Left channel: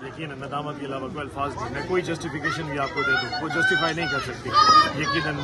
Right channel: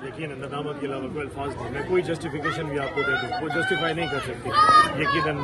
यकीन नदामत के अलावा कोई अल्फाज नहीं, मैं कोई जस्टिफिकेशन भी आपको दे दूँ वो जस्टिफाई नहीं कर सकती। यकीनन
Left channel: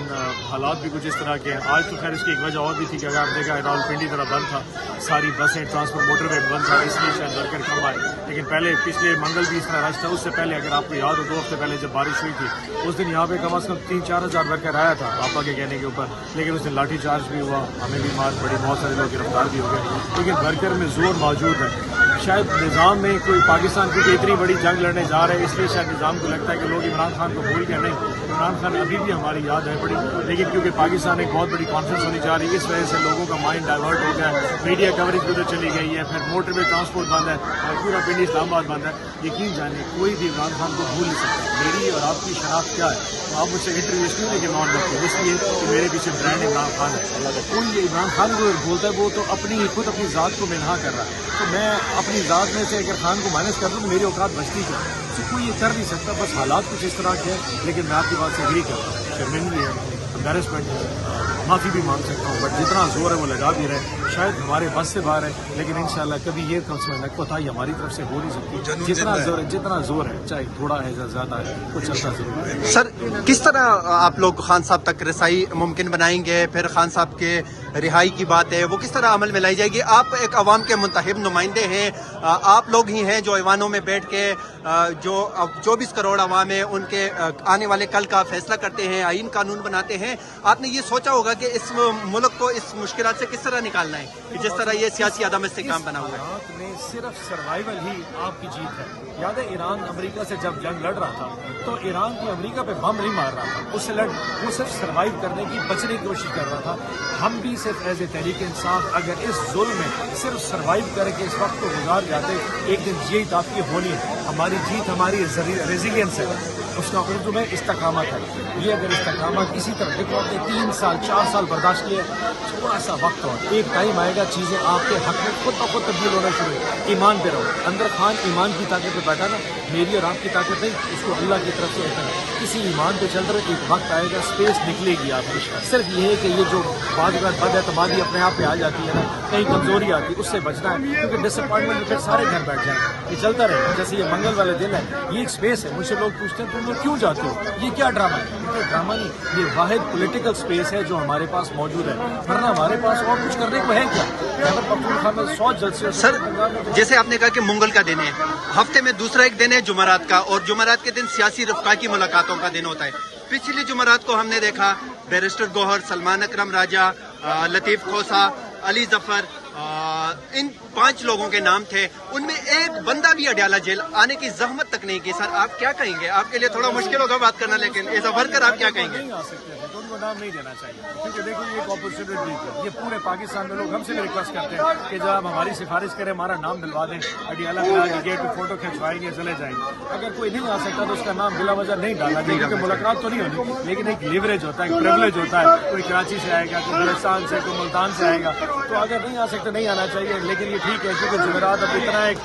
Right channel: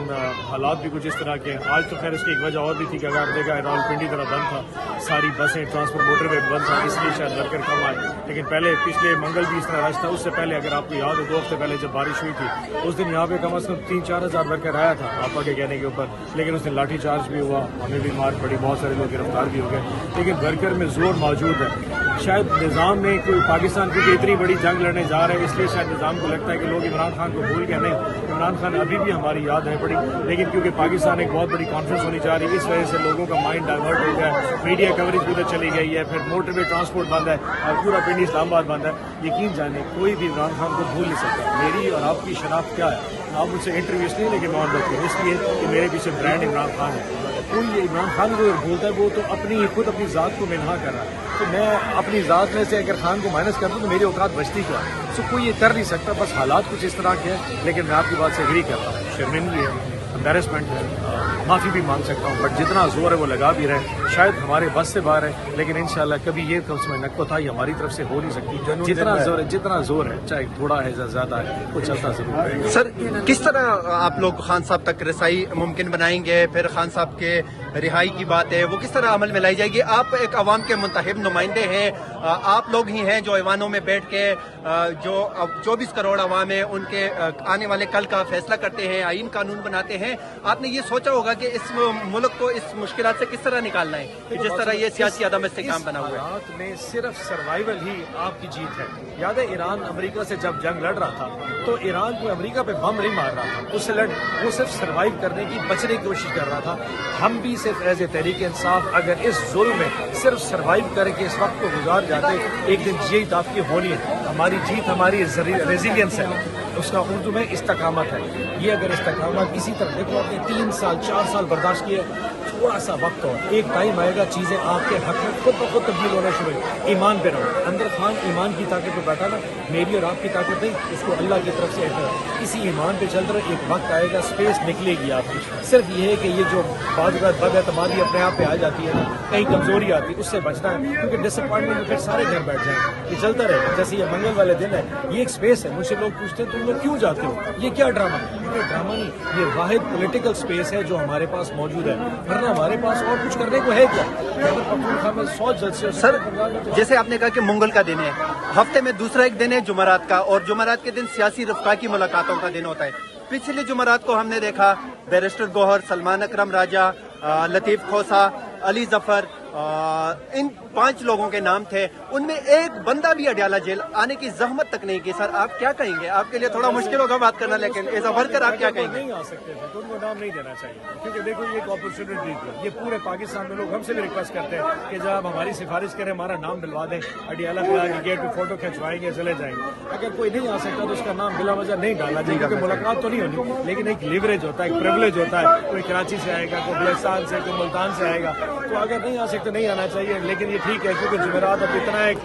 हालात भी कुछ इस तरह के हैं। आज तो खैर इसकी एक वजह और भी थी कि अगर आप देखा रावलपिंडी तरह बंद था, सारी बसें ट्रांसपोर्ट मोटर वेट बंद था, इसलिए शायद वर्कर कम आए। लेकिन पहले पिछले मंगल भी इस तरह रश था। उससे पहले अगर आपको याद हो 2 हफ्ते पहले जब बारिश हुई थी उस दिन यहाँ पे कम अज़ कम 3-4 हज़ार वर्कर आया था आपा के कहने के ऊपर, लेकिन उस दिन लाठी चार्ज भी हुआ, हमें भी मार पड़ी, बहुत सारे लोग गिरफ्तार भी हो गए। लेकिन वर्कर में जोर मौजूद है। शायद निज़ाम में कोई पाकिस्तान की इतनी बड़ी जंग लड़ने जा रहे हैं, इसलिए शायद निज़ाम को लगता है कि लोग इमरान खान को भूल गए। नहीं, इमरान खान अभी भी हमारी याद है पड़ी, लेकिन क्योंकि पाकिस्तान एक बहुत बड़ी कॉन्फ्रेंस होनी जा रही है, इस वजह से लोगों का माइंड डाइवर्ट हो गया है। मीडिया कवरेज उधर चली गई है, फिर मोटरवे ट्रांसपोर्ट बंद है और पूरा पिंडी इस्लामाबाद बंद है। यकीन जाने कोई भी इमरान खान को भूल नहीं सकता। मेरी और आपकी शनाख्त क्या है, आप मुझसे इंटरव्यू इसलिए लेकिन नॉन रखते हैं इसलिए कि मेरे पीछे ब्रांड इमरान खान है। कोई इमरान खान को बोलता है वो तो खुद अपनी ज़ात को मिनहा कर रहा है, तो मैं अपनी ज़ात में से अगर खान को माइनस कर दूँ तो मेरी औकात बचती क्या, तो कोई ये कर नहीं सकता। बस हालात कुछ इस तरह के हैं, लेकिन मैं आपकी बात से एग्री कर रहा हूँ। शर्मिंदगी है, एम्बेरसमेंट है, माफ़ी भी मांग सकता हूँ, बट जितना जोर है वो लगा भी रहे। शायद हमारे बस से बाहर है, लेकिन इंशाल्लाह कभी ये तरफ से नक्कोताई हमारी तरफ से हो नहीं सकती। जितना जोर है चाहे थोड़ा है या ज़्यादा है वो चलता जरूर है। सर, किस तरह आप लोग खान साहब तक रसाई मुमकिन बनाएंगे? फिर खान साहब के रिहाई की बात है, वो किस तरह अमल में लाई जाएगी? आप एक अवाम के मुंतखब नुमाइंदे हैं, आप लोग ही हैं जो ऐवानों में बैठ के जो 24 करोड़ अवाम है उनके आने वाले कल का फैसला करते हैं, आईन कानून बनाते हैं। आपने ये सोचा होगा कि इस मुल्क को इस मुश्किलात से किस तरह निकालना है कि जिस तरह ये सियासी अदम इस्तेहकाम बना हुआ है। इस में सिर्फ सर्वाइवल ही आपकी जीत है। याद है ईरान अमेरिका से जब जंग लड़ रहा था तो ईरान को अमेरिका पे बम नहीं मार रहा था, वो सिर्फ सर्वाइव करने की, बचने की कोशिश कर रहा था। हम भी सिर्फ एज ए तहरीक इंसाफ अगर इस जुल्म में सिर्फ सर्वाइव करके इस वक्त को गुजार जाते, एक दिन यही आपकी होनी है। हमारी जीत हमारी रेजिलियंस है, उसका उर्दू में इस्तकामत है। ये अगर इस्तकामत इसी तरह, देखो आपने 3 साल 4 साल बर्दाश्त किए, थोड़ा सा वक्त और एक टाइम आएगा चीज़ें आपके हक में खुद ब खुद तब्दील होना शुरू है। ईमान पे रहो। अंदर खान ईमान की ताकत पे बैठा ना, मेरी और आपकी ताकत नहीं, उसको अल्लाह की तरफ से है। किसी ईमान पे चल रहे, एक वक्त आएगा स्पेस निकलेगी आपकी। सिर्फ ये है कि ये जो बाद बदएतमादी अपने आप पे आ जाती है ना, कहीं कमजोरी आती है, उससे बचना है, क्योंकि डिसअपॉइंटमेंट में फिर सारे घर बैठ जाएंगे। ये चलता रहे, जैसे ये मंगल वाले दिन है, ये एक स्पेस है। मुझसे लोग पूछते हैं तुम लोग क्यों जाते हो, ये क्या ड्रामा है? ये ड्रामा नहीं, ये वाहिद पॉलिटिकल स्पेस है जो हमारे पास मौजूद है, वरना हमारे पास और कुछ करने को है क्या? खैबर पख्तूनख्वा में 100 जलसे। सर, जैसे आपने कहा कि मंगल का दिन है, हफ्ते में दूसरा एक दिन है जुमेरात का, और जुमेरात के दिन सियासी रफ़्का की मुलाकातों का दिन होता है। पिछले जुमेरात को हमने देखा बैरिस्टर गौहर, सलमान अकरम राजा, लतीफ़ खोसा, अली जफर, इन 5 लोगों के नाम थे, उनमें एक बंदा भी अडयाला जेल आने की जहमत तक नहीं की। सर, आप क्या कहेंगे? आपके लिए थोड़ा मुश्किल होगा बात करना, लेकिन एज अ वर्कर आप क्या कहेंगे? नहीं आ सकते थे तो उनको नाम नहीं देना चाहिए, क्योंकि देखो ये एक अपॉर्चुनिटी थी। ये पूरे पाकिस्तान में लोग हमसे भी रिक्वेस्ट करते हैं कि जब आप हमारी सिफारिश करें, हमारा नाम दिलवा दें, अडयाला पे गेट पे फोटो खिंचवाएंगे, चले जाएंगे। अगर कोई नहीं आ सकता तो उसका नाम बिला वजह नहीं डाला जाए, क्योंकि मुलाकात तो नहीं होनी, लेकिन एक लिवरेज होता है, एक प्रिविलेज होता है। कोई कराची से आएगा, कोई बलुचिस्तान से, कोई मुल्तान से आएगा, तो अगर नहीं आ सकते नहीं आना चाहिए। लेकिन ये ठीक है, क्योंकि जुमेरात अब इतना एक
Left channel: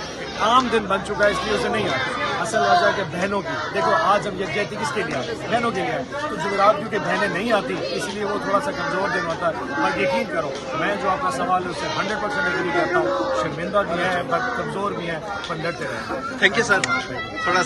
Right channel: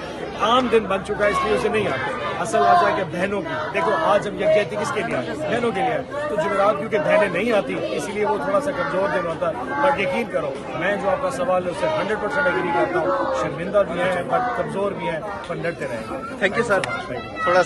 आम दिन बन चुका है, इसलिए उसे नहीं आते। असल वजह के बहनों की, देखो आज हम यकजहती किसके लिए आए? बहनों के लिए आए। तो जुमेरात क्योंकि बहनें नहीं आती, इसलिए वो थोड़ा सा कमजोर दिन होता है। बट यकीन करो, मैं जो आपका सवाल है उससे 100% एग्री करता हूँ। शर्मिंदा भी है, बट कमजोर भी है, पर लड़ते रहे। Thank you sir. थोड़ा